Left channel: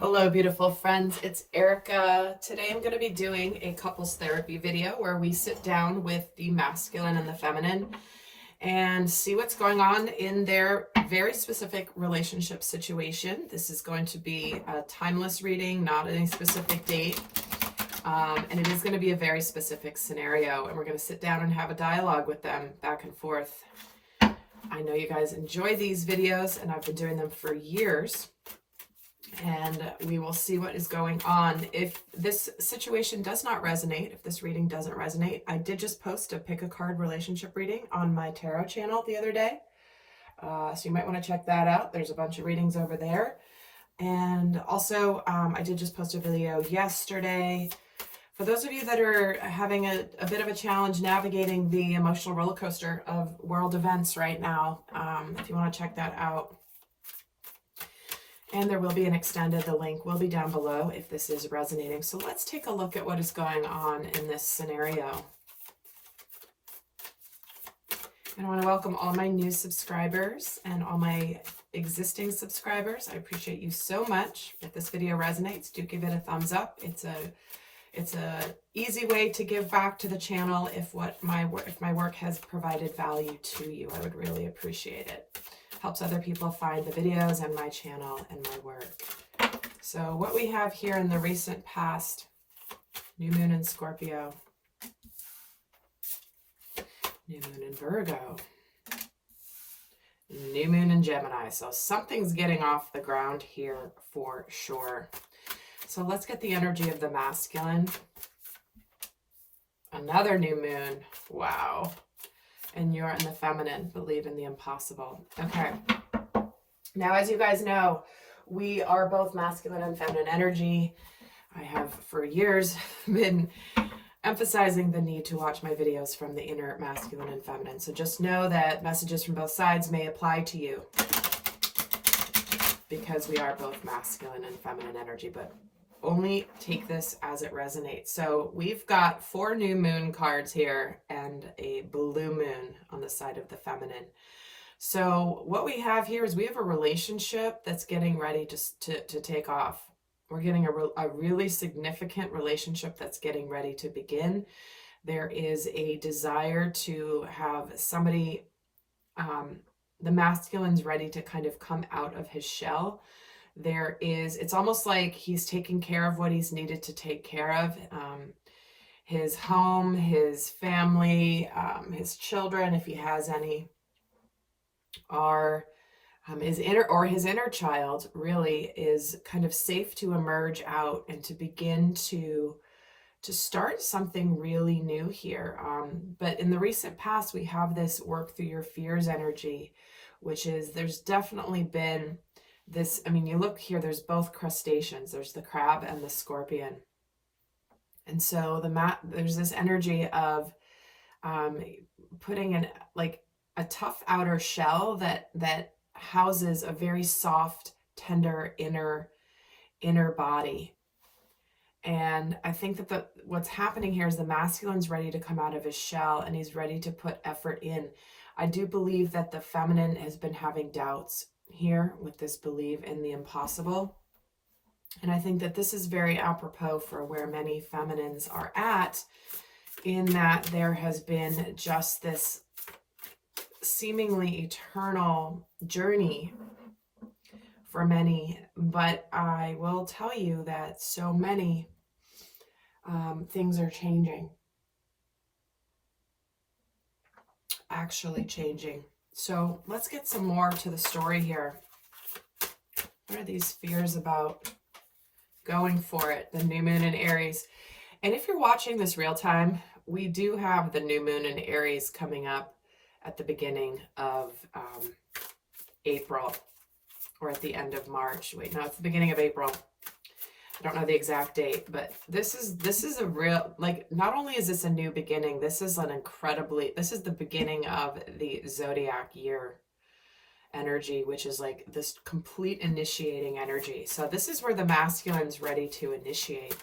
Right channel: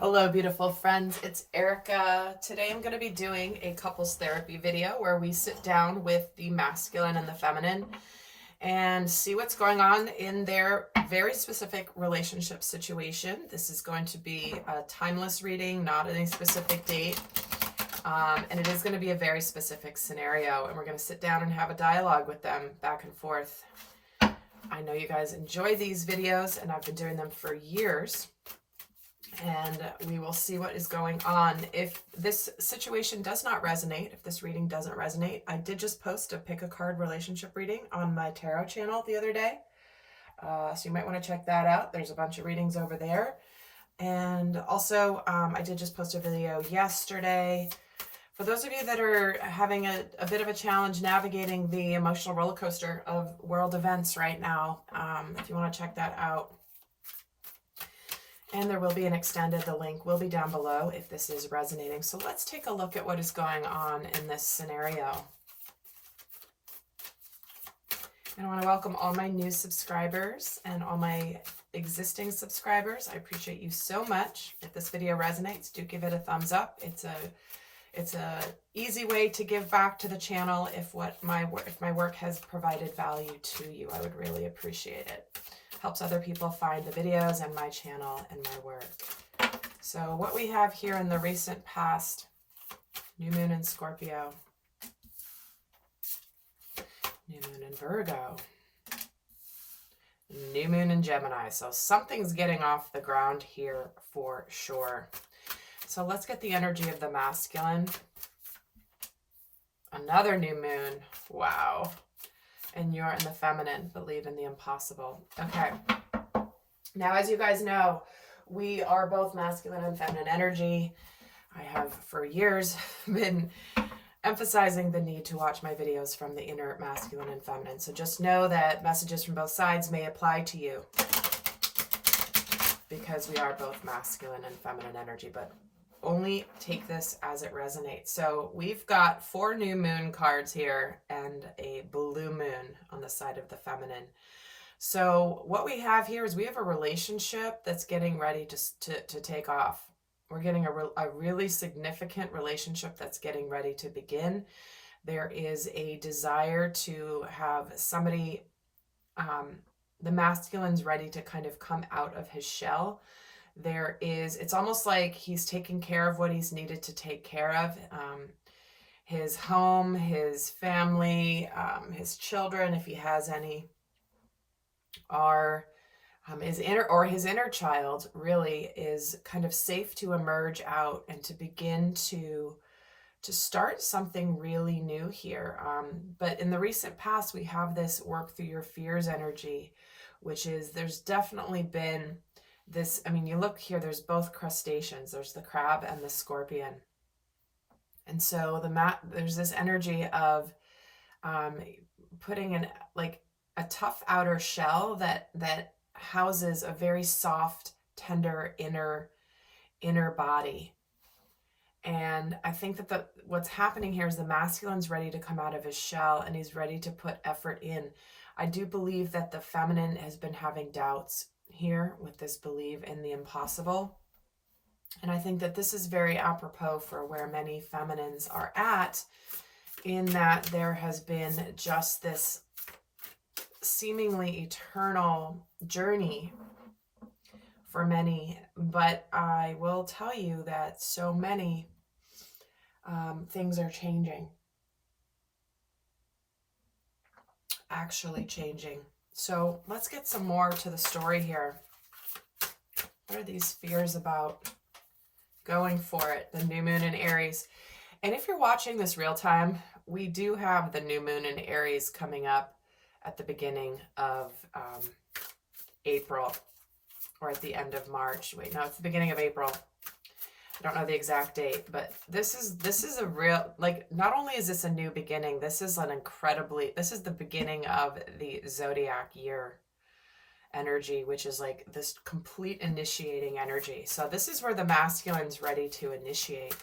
Hello, beautiful friends. It's Erica. Today I'm going to be doing a couples therapy video where we sit down with the masculine and the feminine and see what's going on in their very specific relationship situation. This is going to be a timeless reading, not any specific date. And it is going to be a very specific scenario. And we're going to sit down and have a dialogue with them back and forth. I know you guys enjoy these videos, and I've been doing them for years. And we will see what is going on. If this situation does not resonate, if this reading doesn't resonate, I did just post a pick a card relationship reading on my tarot channel the other day. So you might want to check that out. There's a bunch of readings over there. And also, I did just post a video yesterday. For those of you that are having a bit of a challenge navigating the emotional roller coaster of world events right now, if you want to check that out. And there will be an extended, the link will be down below if this is resonating. So let's take a look at what is going on in this scenario. And I want to welcome all my new subscribers and all my existing subscribers. I appreciate you so much. If this video resonates, do give it a thumbs up. It's a easy way to give back to the channel if my work has provided value to you. I would really appreciate it. Helps other people find the videos and my channel and my work. So what we have here in the recent past, new moon in Scorpio, new moon in Virgo, new moon in Gemini. So something's getting off the ground here for sure. So let's get the energy of the masculine. Another new moon. Wow. And you're in the feminine, believe in the impossible. Okay. Now, as you guys know, we are both masculine and feminine energy. I have for years been emphasizing the need to watch my videos from the inner masculine and feminine. So just know that messages from both sides may apply to you because we are both masculine and feminine energy, but only take this as it resonates. So we've got 4 new moon cards here and a blue moon on the side of the feminine. So what we have here is we have a relationship that's getting ready to take off. We're getting a really significant relationship that's getting ready to begin. There is a desire to have somebody, the masculine's ready to kind of come out of his shell. It's almost like he's taking care of what he's needed to take care of. His home, his family, his children, if he has any, are his inner child really is kind of safe to emerge out and to begin to start something really new here. But in the recent past, we have this work through your fears energy, which is there's definitely been this, I mean, you look here, there's both crustaceans. There's the crab and the scorpion. And so there's this energy of putting in like a tough outer shell that houses a very soft, tender inner body. And I think that what's happening here is the masculine's ready to come out of his shell and he's ready to put effort in. I do believe that the feminine has been having doubts here with this belief in the impossible. And I think that this is very apropos for where many feminines are at, in that there has been just this seemingly eternal journey for many. But I will tell you that so many things are changing, actually changing. So let's get some more to the story here. What are these fears about? Going for it. The new moon in Aries. And if you're watching this real time, we do have the new moon in Aries coming up at the beginning of April, or at the end of March. Wait, no, it's the beginning of April. I don't know the exact date, but this is a real, like, not only is this a new beginning, this is the beginning of the zodiac year energy, which is like this complete initiating energy. So this is where the masculine's ready to initiate.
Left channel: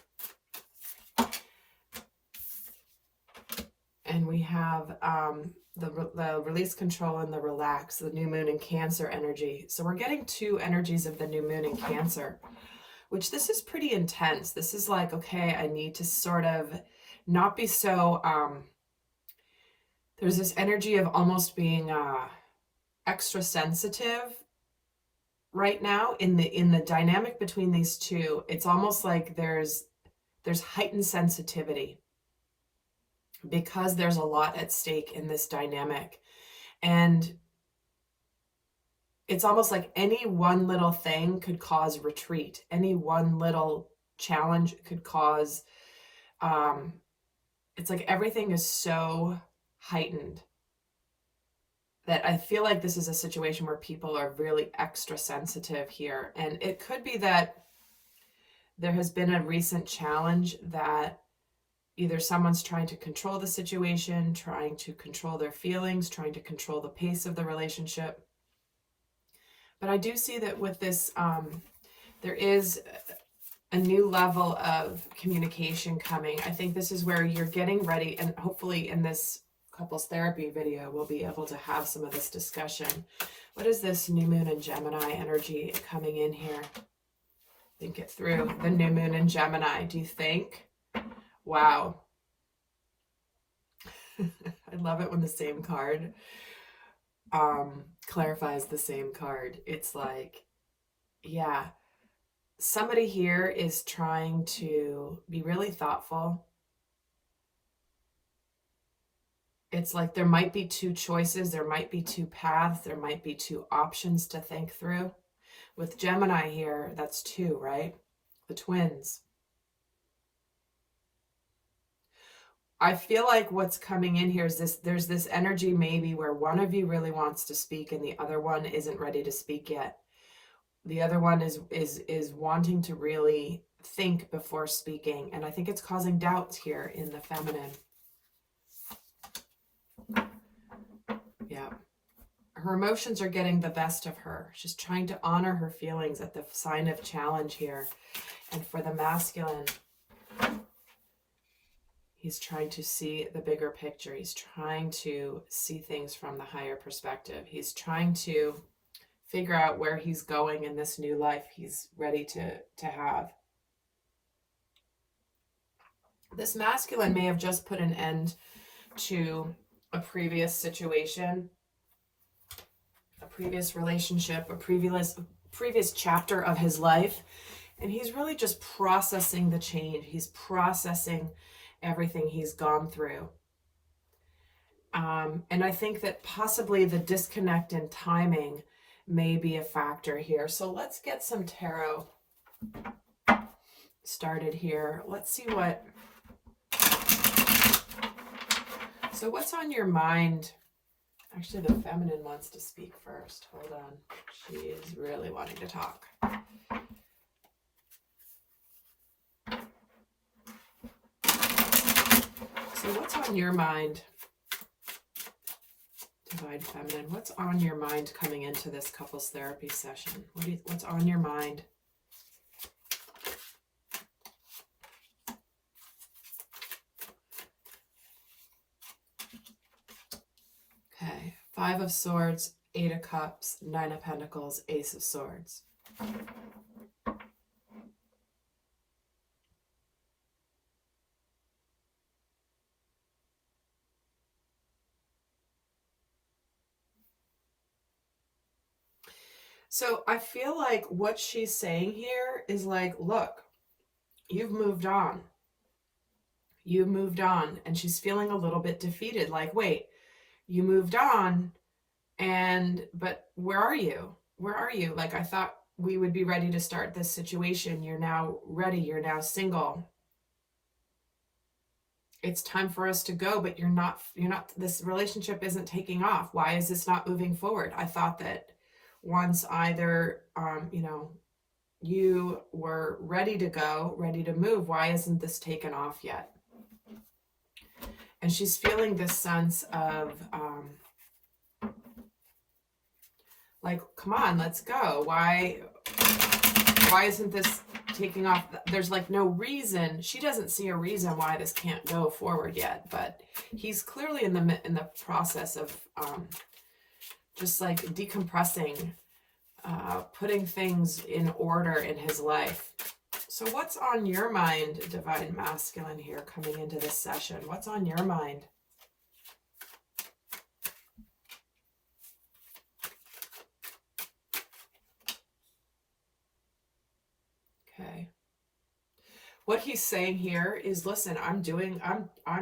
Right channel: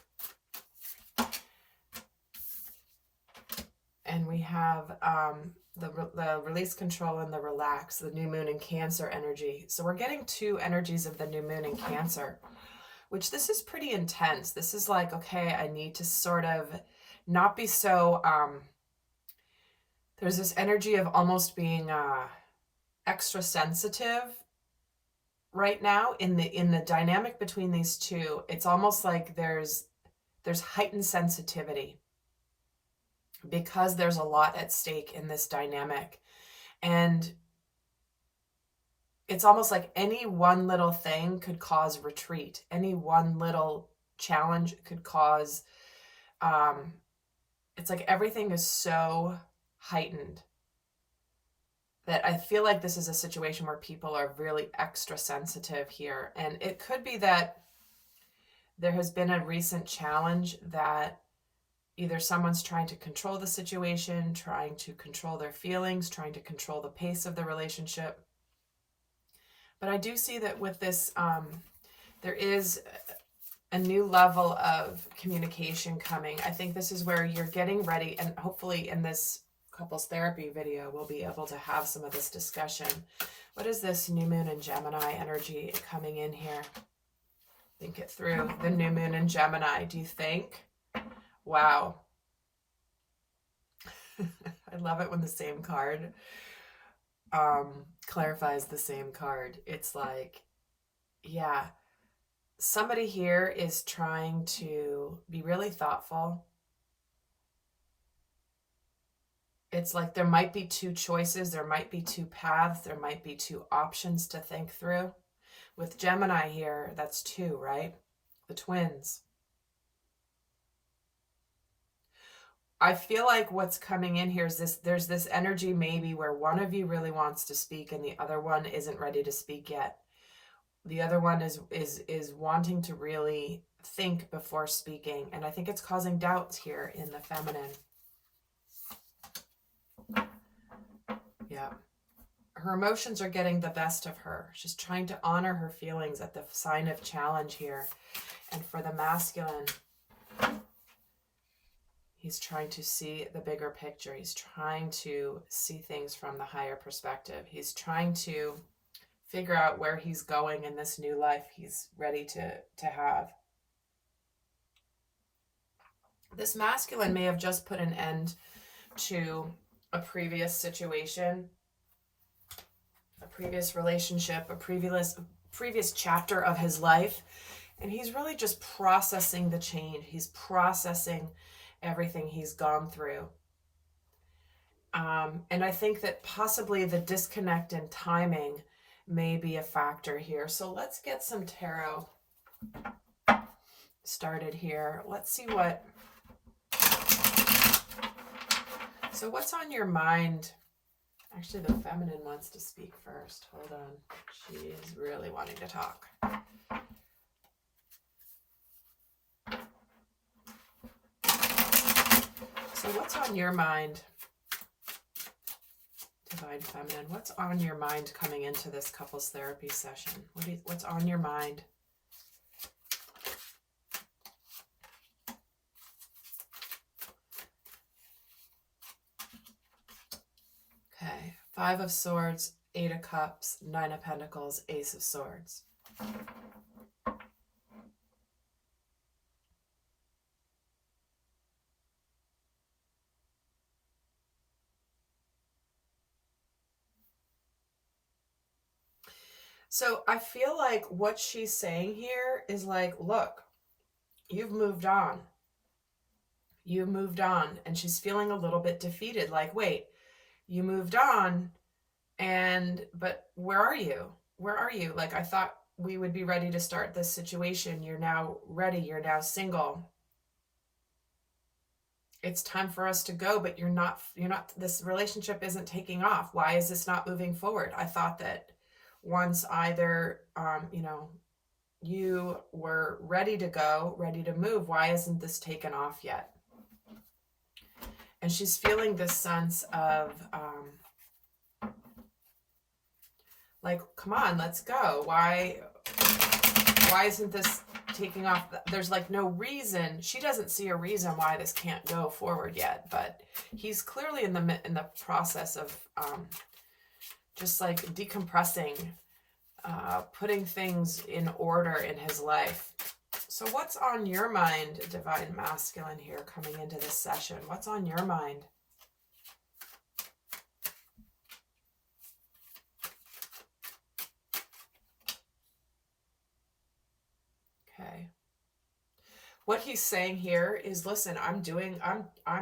And we have the release, control, and the relax, the new moon in Cancer energy. So we're getting 2 energies of the new moon in Cancer, which this is pretty intense. This is like, okay, I need to sort of not be so, there's this energy of almost being extra sensitive right now in the dynamic between these two. It's almost like there's heightened sensitivity because there's a lot at stake in this dynamic. And it's almost like any one little thing could cause retreat. Any one little challenge could cause, it's like everything is so heightened that I feel like this is a situation where people are really extra sensitive here. And it could be that there has been a recent challenge that either someone's trying to control the situation, trying to control their feelings, trying to control the pace of the relationship. But I do see that with this, there is a new level of communication coming. I think this is where you're getting ready, and hopefully in this couples therapy video, we'll be able to have some of this discussion. What is this new moon in Gemini energy coming in here? Think it through. The new moon in Gemini, do you think? Wow. I love it when the same card clarifies the same card. It's like, yeah, somebody here is trying to be really thoughtful. It's like there might be two choices, there might be two paths, there might be two options to think through. With Gemini here, that's two, right? The twins. I feel like what's coming in here is this, there's this energy maybe where one of you really wants to speak and the other one isn't ready to speak yet. The other one is wanting to really think before speaking, and I think it's causing doubts here in the feminine. Yeah. Her emotions are getting the best of her. She's trying to honor her feelings at the sign of challenge here. And for the masculine, he's trying to see the bigger picture. He's trying to see things from the higher perspective. He's trying to figure out where he's going in this new life he's ready to have. This masculine may have just put an end to a previous situation, a previous relationship, a previous chapter of his life, and he's really just processing the change. He's processing everything he's gone through. And I think that possibly the disconnect in timing may be a factor here. So let's get some tarot started here. Let's see what... So what's on your mind? Actually, the feminine wants to speak first. Hold on. She is really wanting to talk. So what's on your mind, Divine Feminine? What's on your mind coming into this couples therapy session? What's on your mind? Okay, 5 of Swords, 8 of Cups, 9 of Pentacles, Ace of Swords. So I feel like what she's saying here is like, look, you've moved on. You moved on. And she's feeling a little bit defeated. Like, wait, you moved on, but where are you? Where are you? Like, I thought we would be ready to start this situation. You're now ready. You're now single. It's time for us to go, but you're not, this relationship isn't taking off. Why is this not moving forward? I thought that once either, you were ready to go, ready to move, why isn't this taken off yet? And she's feeling this sense of, like, come on, let's go. Why isn't this taking off? There's like no reason. She doesn't see a reason why this can't go forward yet, but he's clearly in the process of, just like decompressing, putting things in order in his life. So what's on your mind, Divine Masculine, here coming into this session? What's on your mind? Okay. What he's saying here is, listen, I'm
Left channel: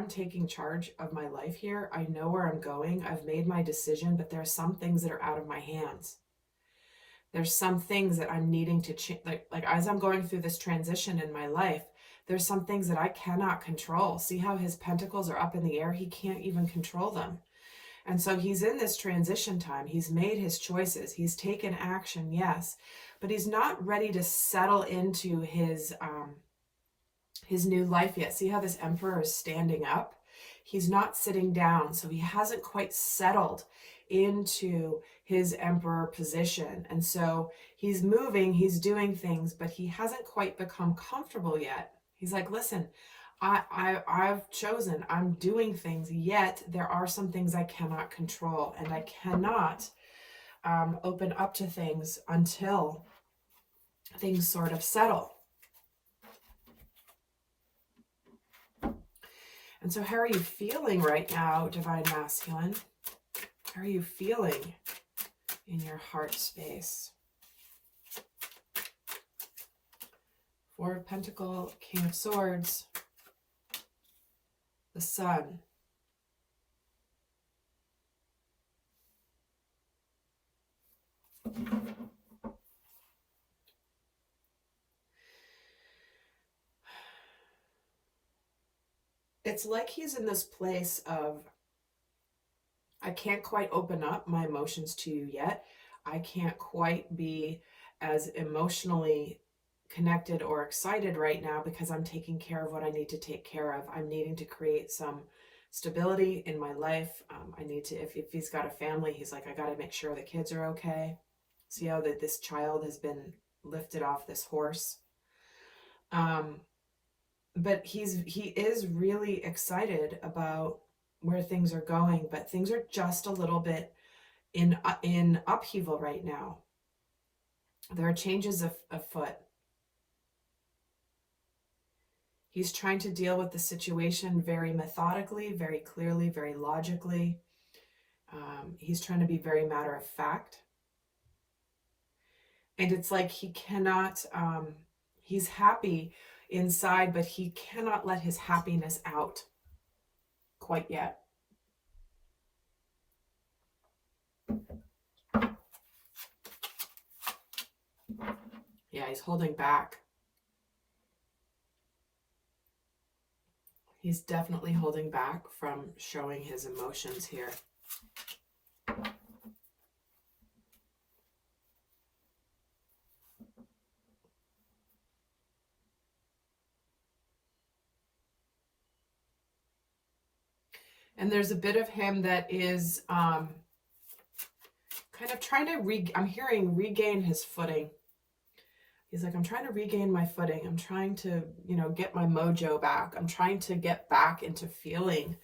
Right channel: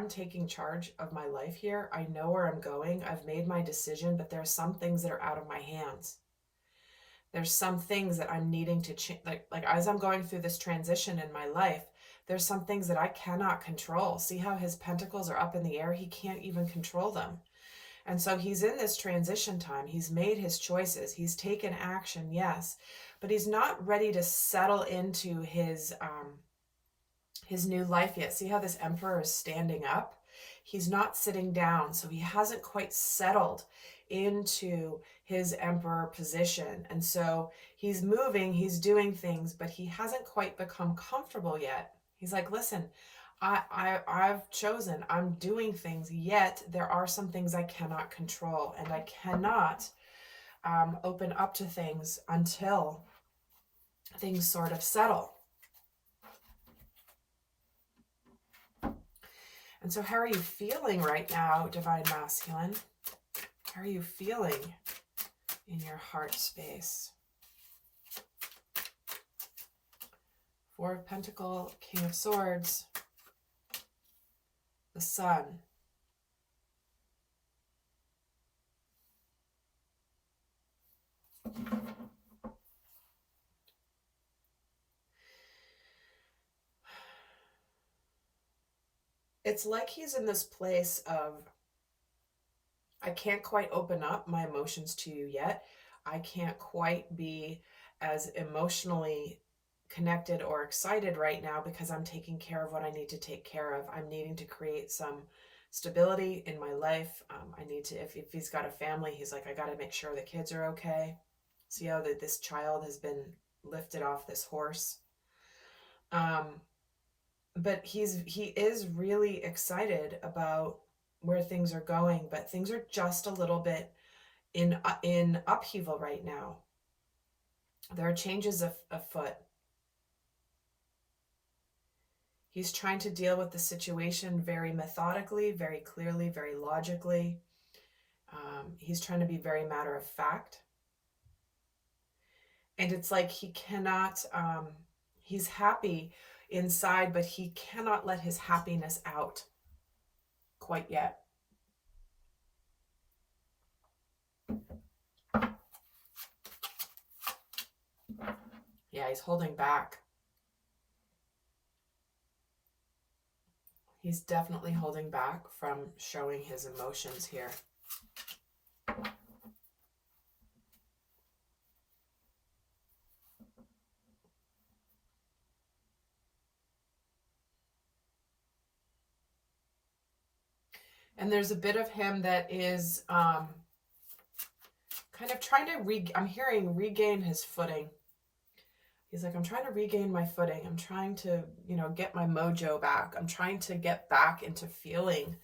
taking charge of my life here. I know where I'm going. I've made my decision, but there are some things that are out of my hands. There's some things that I'm needing to change. Like as I'm going through this transition in my life, there's some things that I cannot control. See how his pentacles are up in the air? He can't even control them. And so he's in this transition time. He's made his choices. He's taken action, yes, but he's not ready to settle into his new life yet. See how this Emperor is standing up? He's not sitting down, so he hasn't quite settled into his Emperor position. And so he's moving, he's doing things, but he hasn't quite become comfortable yet. He's like, listen, I've chosen, I'm doing things, yet there are some things I cannot control, and I cannot open up to things until things sort of settle. And so how are you feeling right now, Divine Masculine? How are you feeling in your heart space? Four of Pentacles, King of Swords, the Sun. It's like he's in this place of, I can't quite open up my emotions to you yet. I can't quite be as emotionally connected or excited right now because I'm taking care of what I need to take care of. I'm needing to create some stability in my life. I need to, if he's got a family, he's like, I got to make sure the kids are okay. See how that this child has been lifted off this horse. But he is really excited about where things are going, but things are just a little bit in upheaval right now. There are changes afoot. He's trying to deal with the situation very methodically, very clearly, very logically. He's trying to be very matter of fact. And it's like he cannot, he's happy inside, but he cannot let his happiness out quite yet. Yeah, he's holding back. He's definitely holding back from showing his emotions here. And there's a bit of him that is kind of trying to, I'm hearing regain his footing. He's like, I'm trying to regain my footing. I'm trying to, get my mojo back. I'm trying to get back into feeling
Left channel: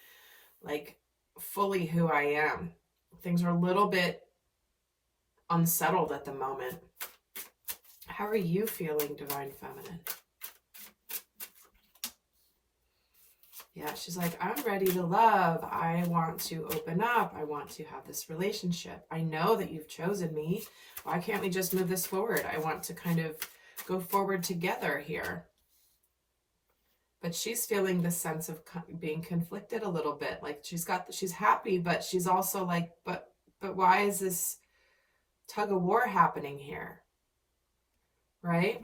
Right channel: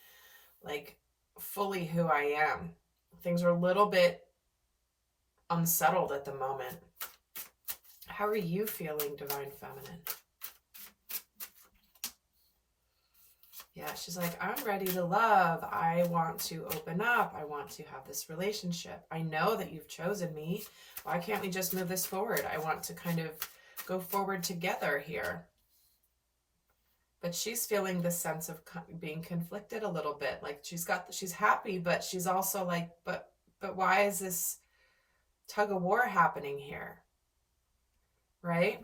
like fully who I am. Things are a little bit unsettled at the moment. How are you feeling, Divine Feminine? Yeah, she's like, I'm ready to love. I want to open up. I want to have this relationship. I know that you've chosen me. Why can't we just move this forward? I want to kind of go forward together here. But she's feeling the sense of being conflicted a little bit. Like she's happy, but she's also like, but why is this tug of war happening here? Right?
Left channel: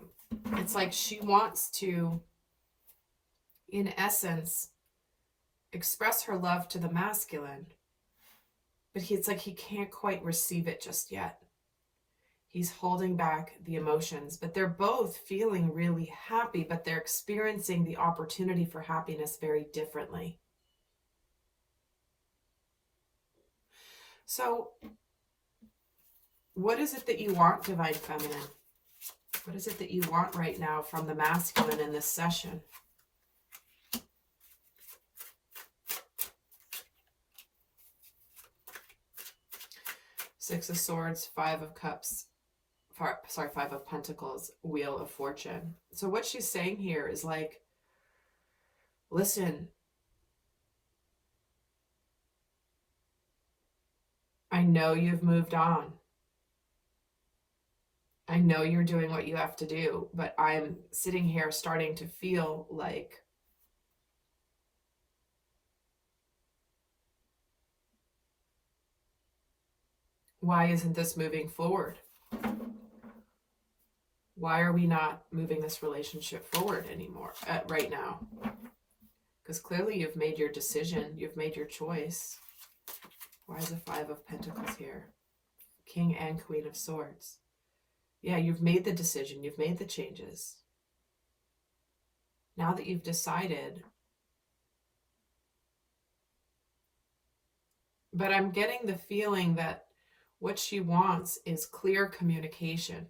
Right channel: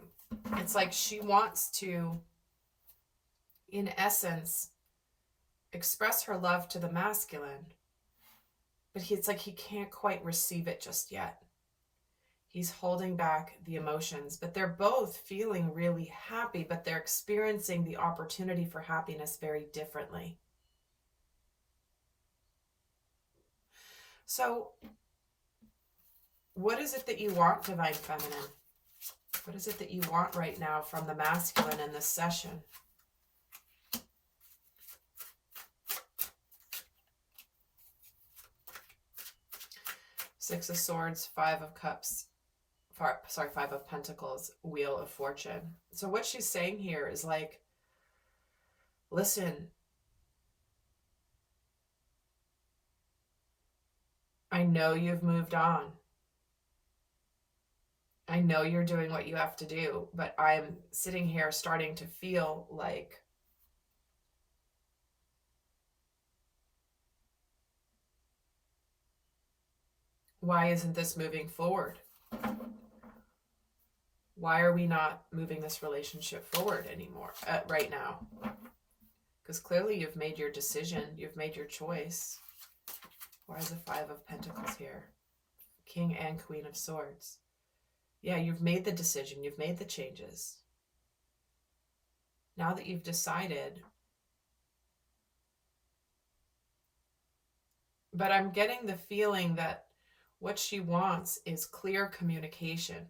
It's like she wants to, in essence, express her love to the masculine, but it's like he can't quite receive it just yet. He's holding back the emotions, but they're both feeling really happy, but they're experiencing the opportunity for happiness very differently. So what is it that you want, Divine Feminine? What is it that you want right now from the masculine in this session? Six of Swords, Five of Cups, sorry, Five of Pentacles, Wheel of Fortune. So what she's saying here is like, listen, I know you've moved on. I know you're doing what you have to do, but I'm sitting here starting to feel like why isn't this moving forward? Why are we not moving this relationship forward anymore right now? Because clearly you've made your decision. You've made your choice. Why is the Five of Pentacles here? King and Queen of Swords. Yeah, you've made the decision. You've made the changes. Now that you've decided. But I'm getting the feeling that what she wants is clear communication.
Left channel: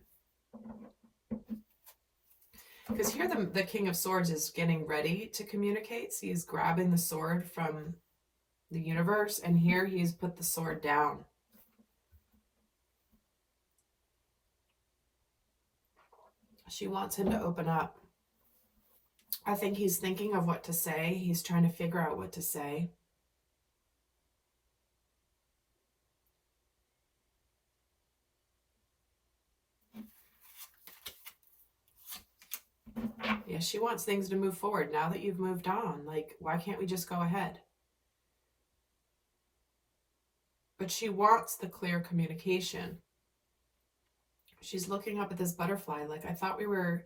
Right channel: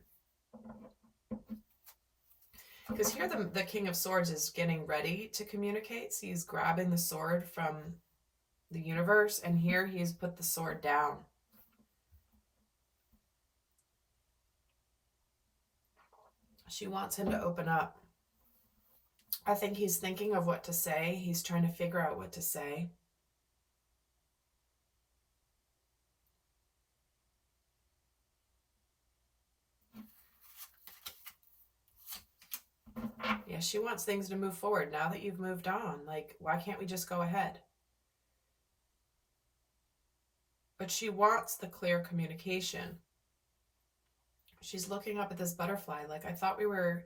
Because here the King of Swords is getting ready to communicate. So he's grabbing the sword from the universe, and here he's put the sword down. She wants him to open up. I think he's thinking of what to say. He's trying to figure out what to say. Yeah, she wants things to move forward now that you've moved on. Like, why can't we just go ahead? But she wants the clear communication. She's looking up at this butterfly like, I thought we were,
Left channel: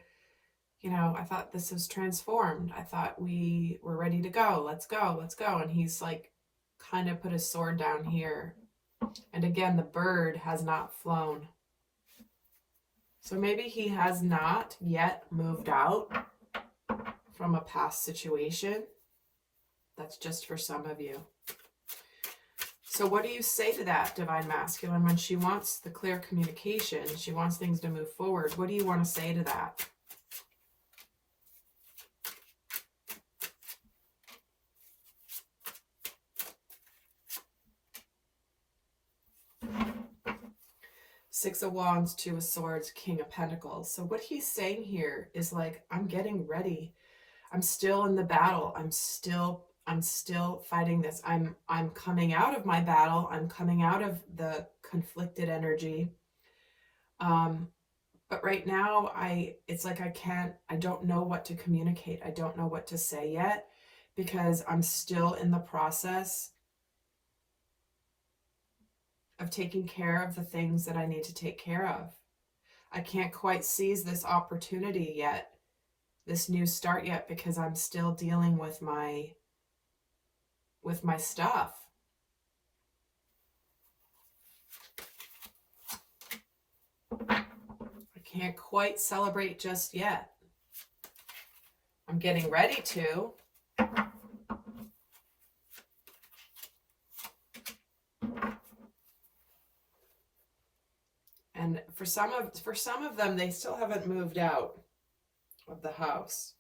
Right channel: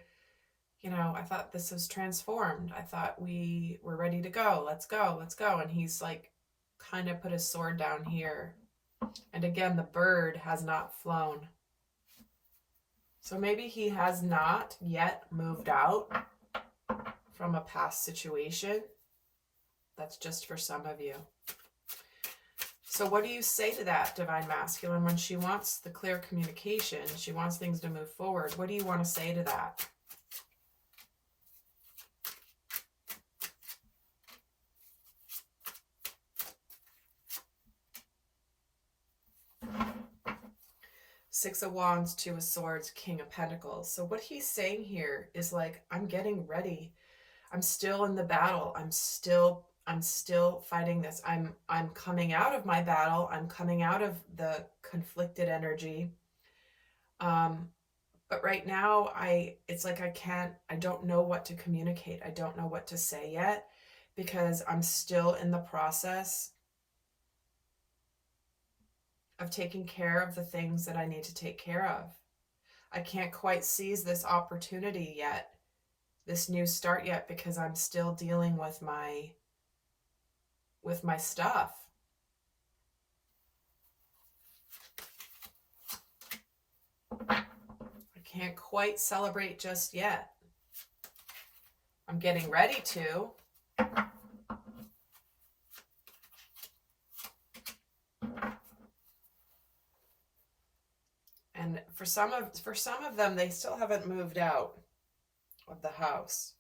I thought this was transformed. I thought we were ready to go. Let's go, let's go. And he's like, kind of put his sword down here. And again, the bird has not flown. So maybe he has not yet moved out from a past situation. That's just for some of you. So what do you say to that, Divine Masculine, when she wants the clear communication, she wants things to move forward? What do you want to say to that? Six of Wands, Two of Swords, King of Pentacles. So what he's saying here is like, I'm getting ready. I'm still in the battle. I'm still fighting this. I'm coming out of my battle. I'm coming out of the conflicted energy. But right now it's like I don't know what to communicate. I don't know what to say yet because I'm still in the process of taking care of the things that I need to take care of. I can't quite seize this opportunity yet, this new start yet, because I'm still dealing with my stuff. I can't quite celebrate just yet. I'm getting ready to. And for some of them, they still haven't moved out of the house.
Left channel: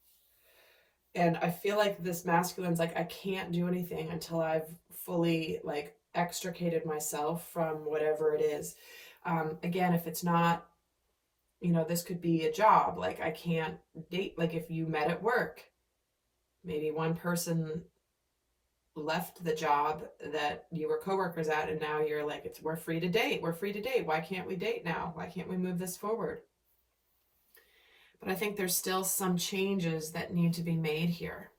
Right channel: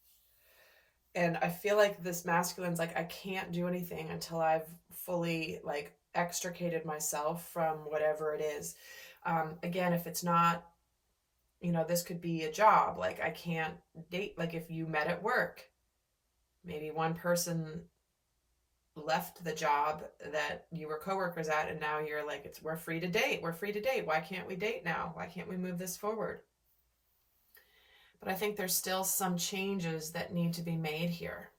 And I feel like this masculine's like, I can't do anything until I've fully like extricated myself from whatever it is. Again, if it's not, this could be a job. Like I can't date, like if you met at work, maybe one person left the job that you were coworkers at, and now you're like, we're free to date. We're free to date. Why can't we date now? Why can't we move this forward? But I think there's still some changes that need to be made here.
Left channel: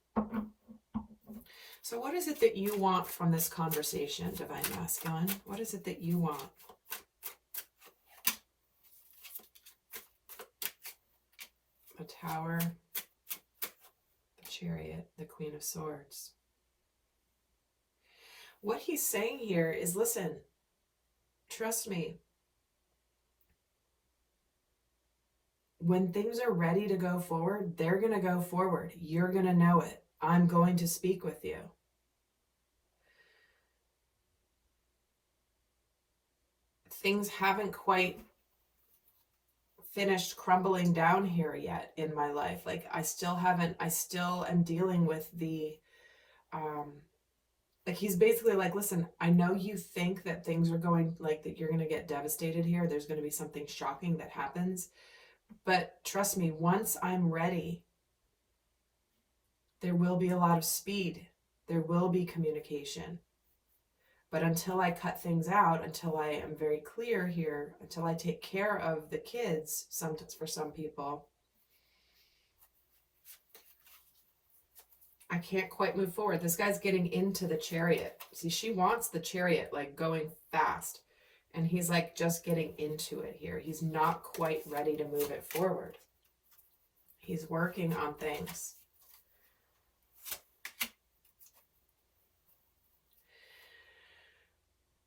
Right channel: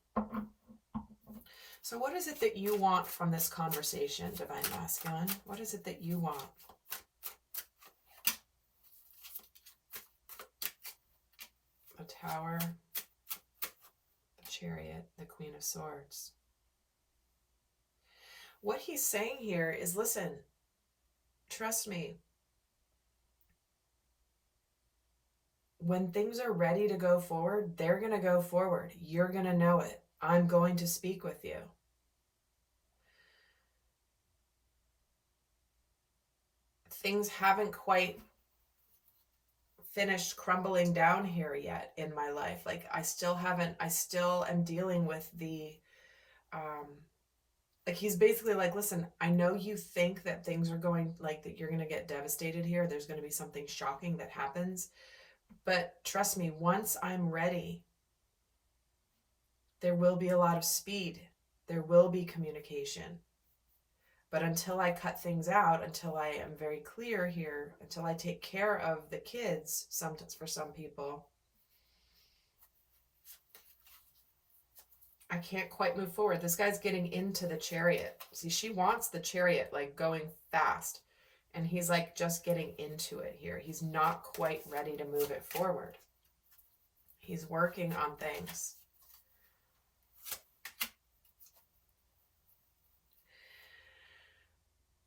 So what is it that you want from this conversation, Divine Masculine? What is it that you want? The Tower, the Chariot, the Queen of Swords. What he's saying here is, listen, trust me. When things are ready to go forward, they're going to go forward. You're going to know it. I'm going to speak with you. Things haven't quite finished crumbling down here yet in my life. Like I still am dealing with the Like, he's basically like, listen, I know you think that things are going, like, that you're going to get devastated here. There's going to be something shocking that happens. But trust me, once I'm ready, there will be a lot of speed. There will be communication. But until I cut things out, until I am very clear here, until I take care of the kids, for some people, I can't quite move forward. This guy's getting into the Chariot. See, she wants the Chariot, like, going fast. And he's, like, just getting into it here. He's not quite ready to move it forward. He's working on things.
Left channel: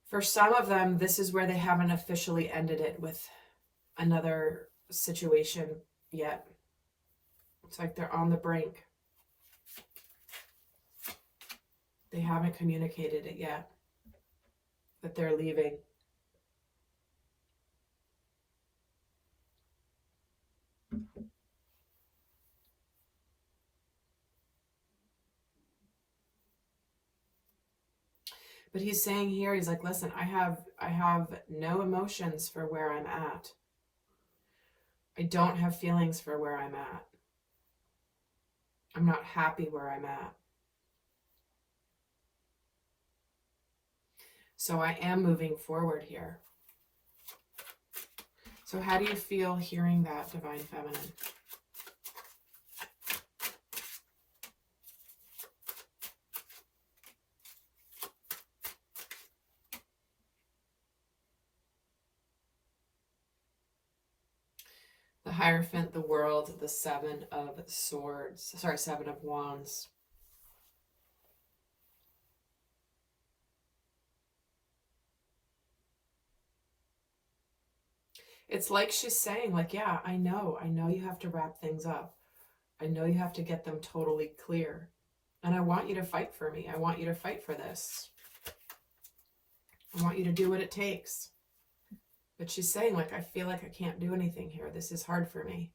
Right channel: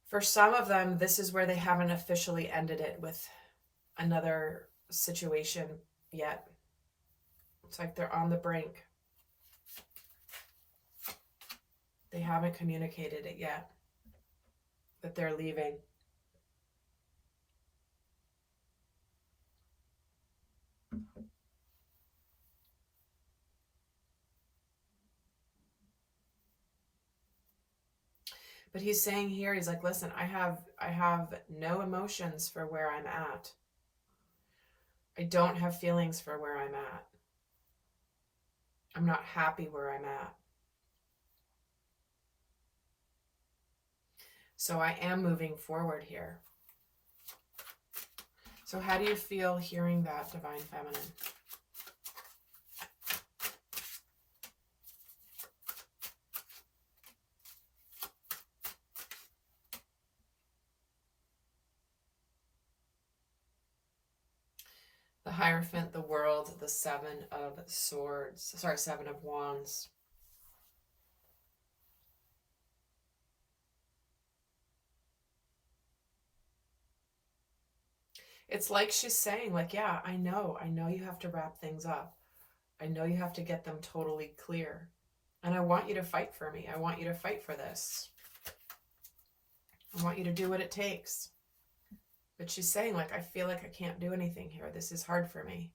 For some of them, this is where they haven't officially ended it with another situation yet. It's like they're on the brink. They haven't communicated it yet, that they're leaving. But he's saying here, he's like, listen, I have no emotions for where I'm at. I don't have feelings for where I'm at. I'm not happy where I'm at. So I am moving forward here. So how do you feel hearing that, Divine Feminine? The Hierophant, the World, the Seven of Swords. Sorry, Seven of Wands. It's like she's saying, like, yeah, I know you have to wrap things up. I know you have to get them totally clear. And I want you to fight for me. I want you to fight for this. I want you to do what it takes. But she's saying, like, I feel like I can't do anything here. This is hard for me.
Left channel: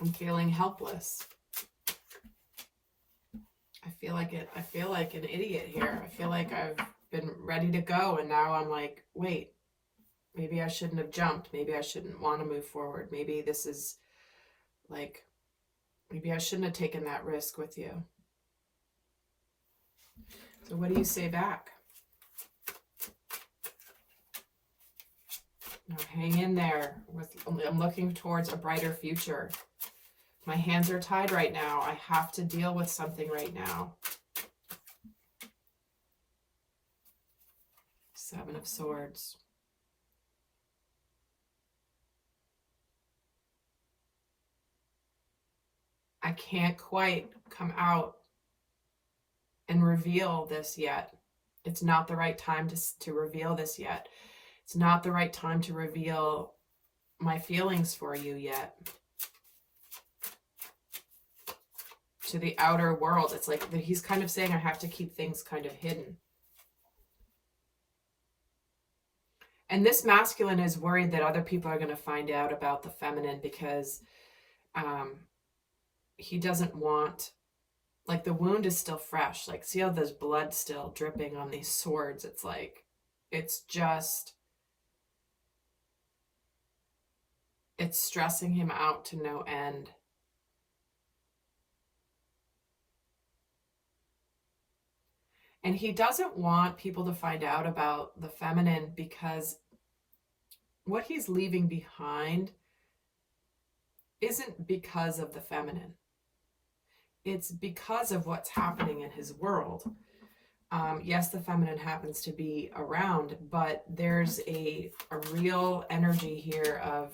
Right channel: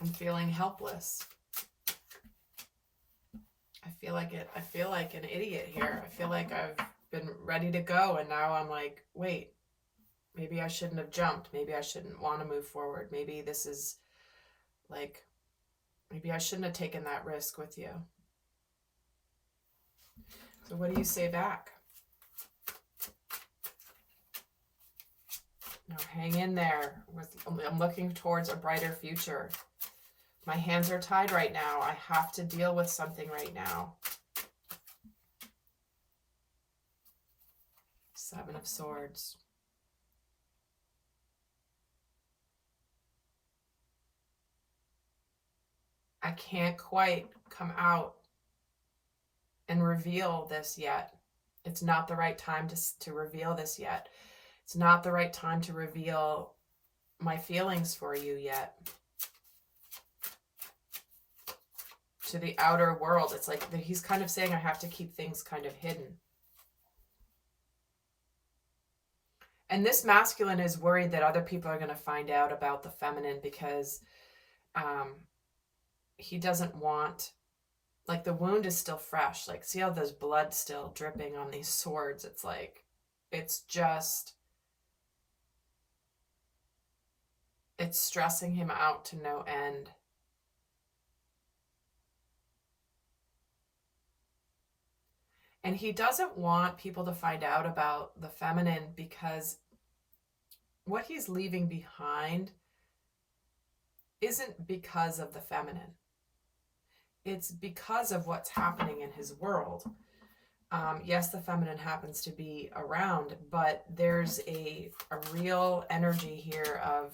I'm feeling helpless. I feel like an idiot here. I feel like I've been ready to go, and now I'm like, wait, maybe I shouldn't have jumped. Maybe I shouldn't want to move forward. Maybe this is like, maybe I shouldn't have taken that risk with you. So what do you say back? Now hang in there. I'm looking towards a brighter future. My hands are tied right now. I have to deal with something right now. Seven of Swords. I can't quite come out and reveal this yet. It's not the right time to reveal this yet. It's not the right time to reveal my feelings for you yet. To the outer world. It's like he's kind of saying I have to keep things kind of hidden. And this masculine is worried that other people are going to find out about the feminine because he doesn't want, like, the wound is still fresh. Like, see how there's blood still dripping on these swords? It's like, it's just, it's stressing him out to no end. And he doesn't want people to find out about the feminine because what he's leaving behind isn't because of the feminine. It's because of what's happening in his world. Yes, the feminine happens to be around, but there's a real energy here of,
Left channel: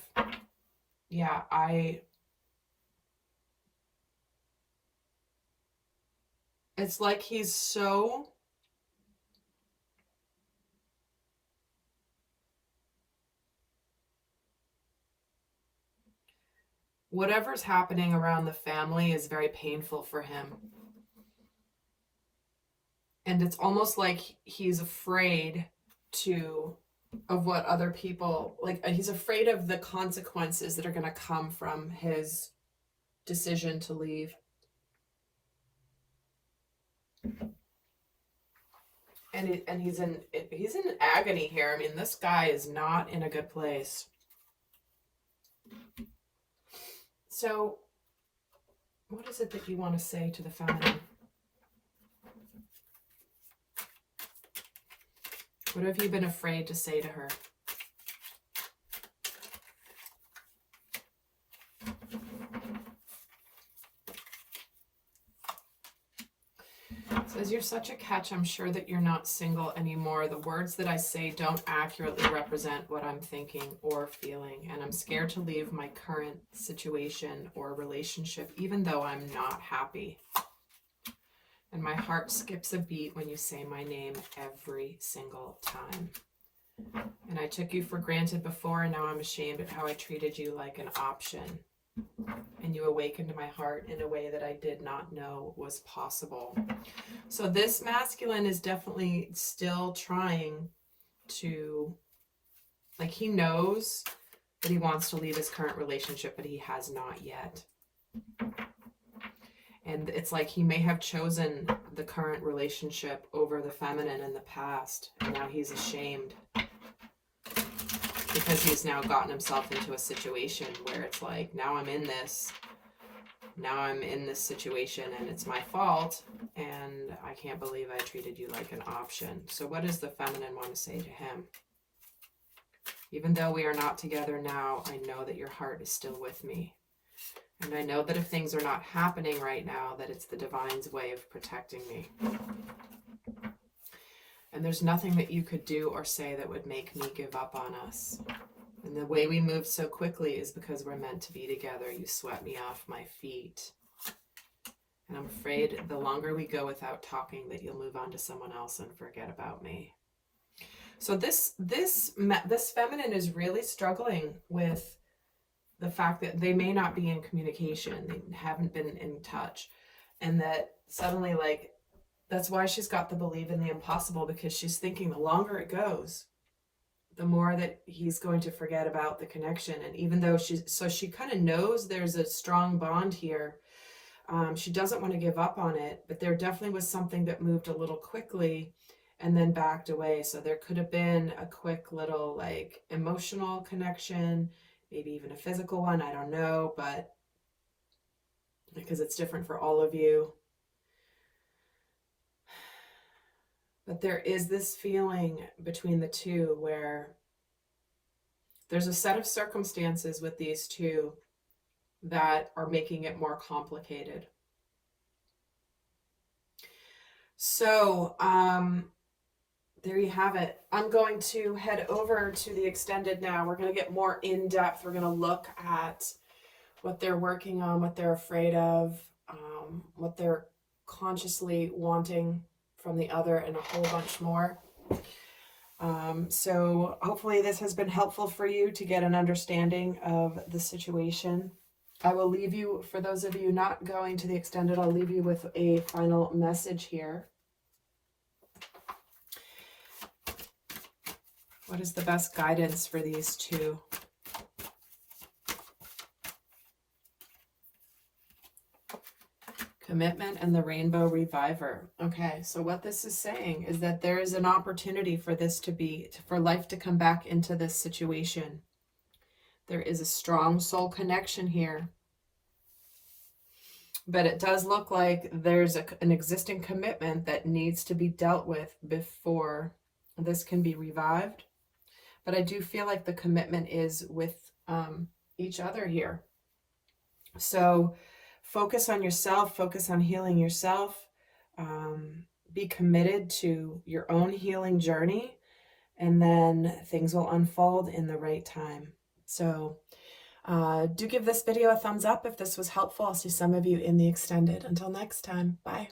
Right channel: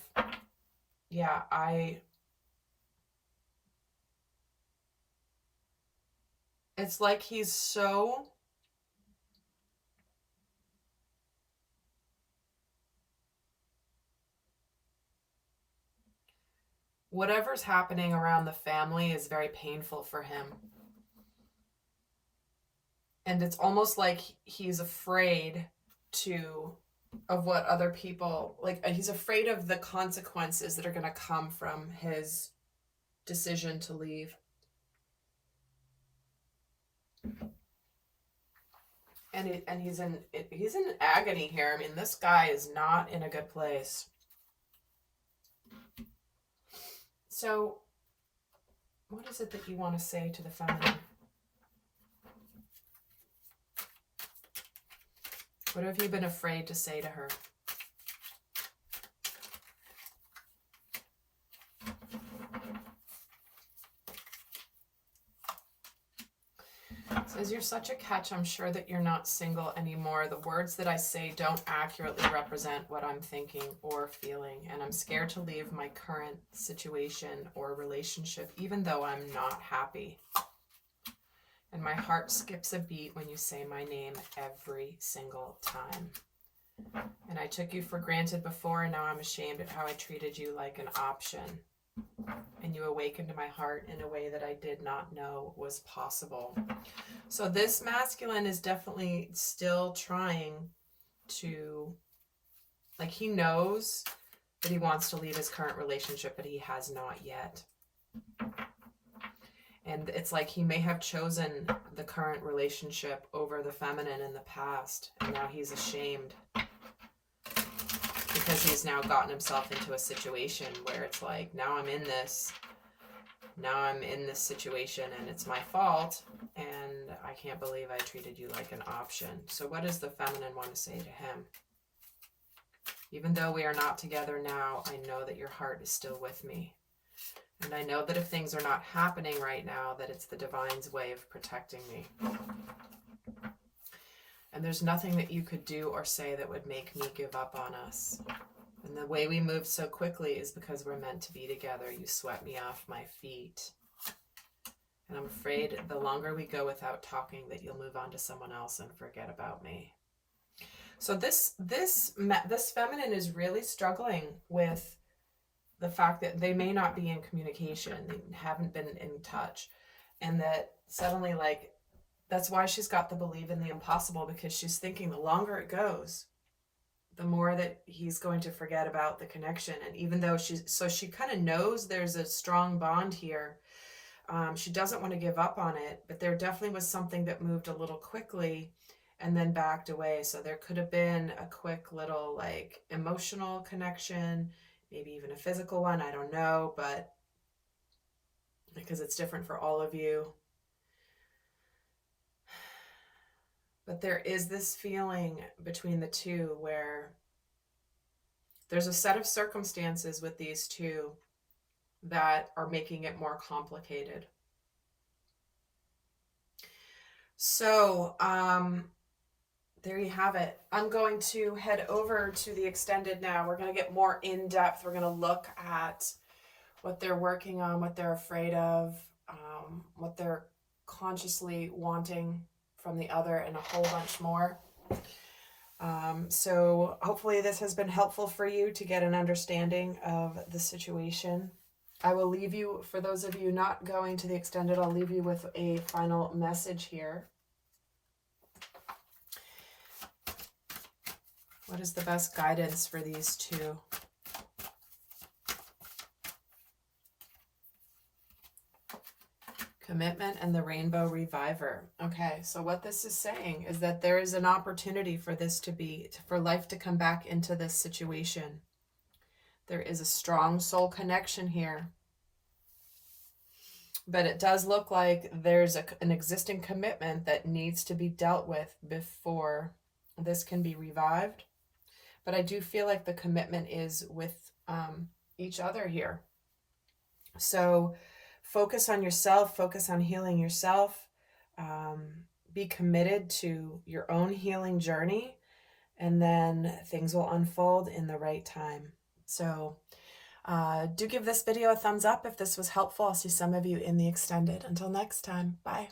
yeah, it's like he's so whatever's happening around the family is very painful for him. And it's almost like he's afraid to of what other people, like, he's afraid of the consequences that are going to come from his decision to leave. And he's in agony here. I mean, this guy is not in a good place. So, what is it that you want to say to the feminine? What have you been afraid to say to her? It says, you're such a catch. I'm sure that you're not single anymore. The words that I say don't accurately represent what I'm thinking or feeling. And I'm scared to leave my current situation or relationship, even though I'm not happy. And my heart skips a beat when you say my name every single time. And I took you for granted before, and now I'm ashamed of how I treated you like an option. And you awakened my heart in a way that I did not know was possible. So this masculine is definitely still trying to, like, he knows that he wants to leave his current relationship, but he has not yet. And it's like he may have chosen the current relationship over the feminine in the past, and now he's ashamed because he's now gotten himself into a situation where it's like, now I'm in this situation and it's my fault, and I can't believe I treated you like an option. So what does the feminine want to say to him? Even though we are not together now, I know that your heart is still with me. And I know that if things are not happening right now, that it's the divine's way of protecting me. And there's nothing that you could do or say that would make me give up on us. And the way we move so quickly is because we're meant to be together. You swept me off my feet. And I'm afraid the longer we go without talking, that you'll move on to someone else and forget about me. So this feminine is really struggling with the fact that they may not be in communication. They haven't been in touch. And that suddenly, like, that's why she's got the belief in the impossible, because she's thinking the longer it goes, the more that he's going to forget about the connection. And even though she kind of knows there's a strong bond here, she doesn't want to give up on it, but there definitely was something that moved a little quickly and then backed away. So there could have been a quick little, like, emotional connection, maybe even a physical one, I don't know, but because it's different for all of you. But there is this feeling between the two where there's a set of circumstances with these two that are making it more complicated. So, there you have it. I'm going to head over to the extended now. We're going to get more in depth. We're going to look at what they're working on, what they're afraid of, what they're consciously wanting from the other, and a whole bunch more. So hopefully this has been helpful for you to get an understanding of the situation. I will leave you, for those of you not going to the extended, I'll leave you with a final message here. What is the best guidance for these two? Commitment and the Rainbow Reviver. Okay, so what this is saying is that there is an opportunity for this to be, for life to come back into this situation. There is a strong soul connection here. But it does look like there's an existing commitment that needs to be dealt with before this can be revived. But I do feel like the commitment is with each other here. So focus on yourself, focus on healing yourself, be committed to your own healing journey, and then things will unfold in the right time. So do give this video a thumbs up if this was helpful. I'll see some of you in the extended. Until next time, bye.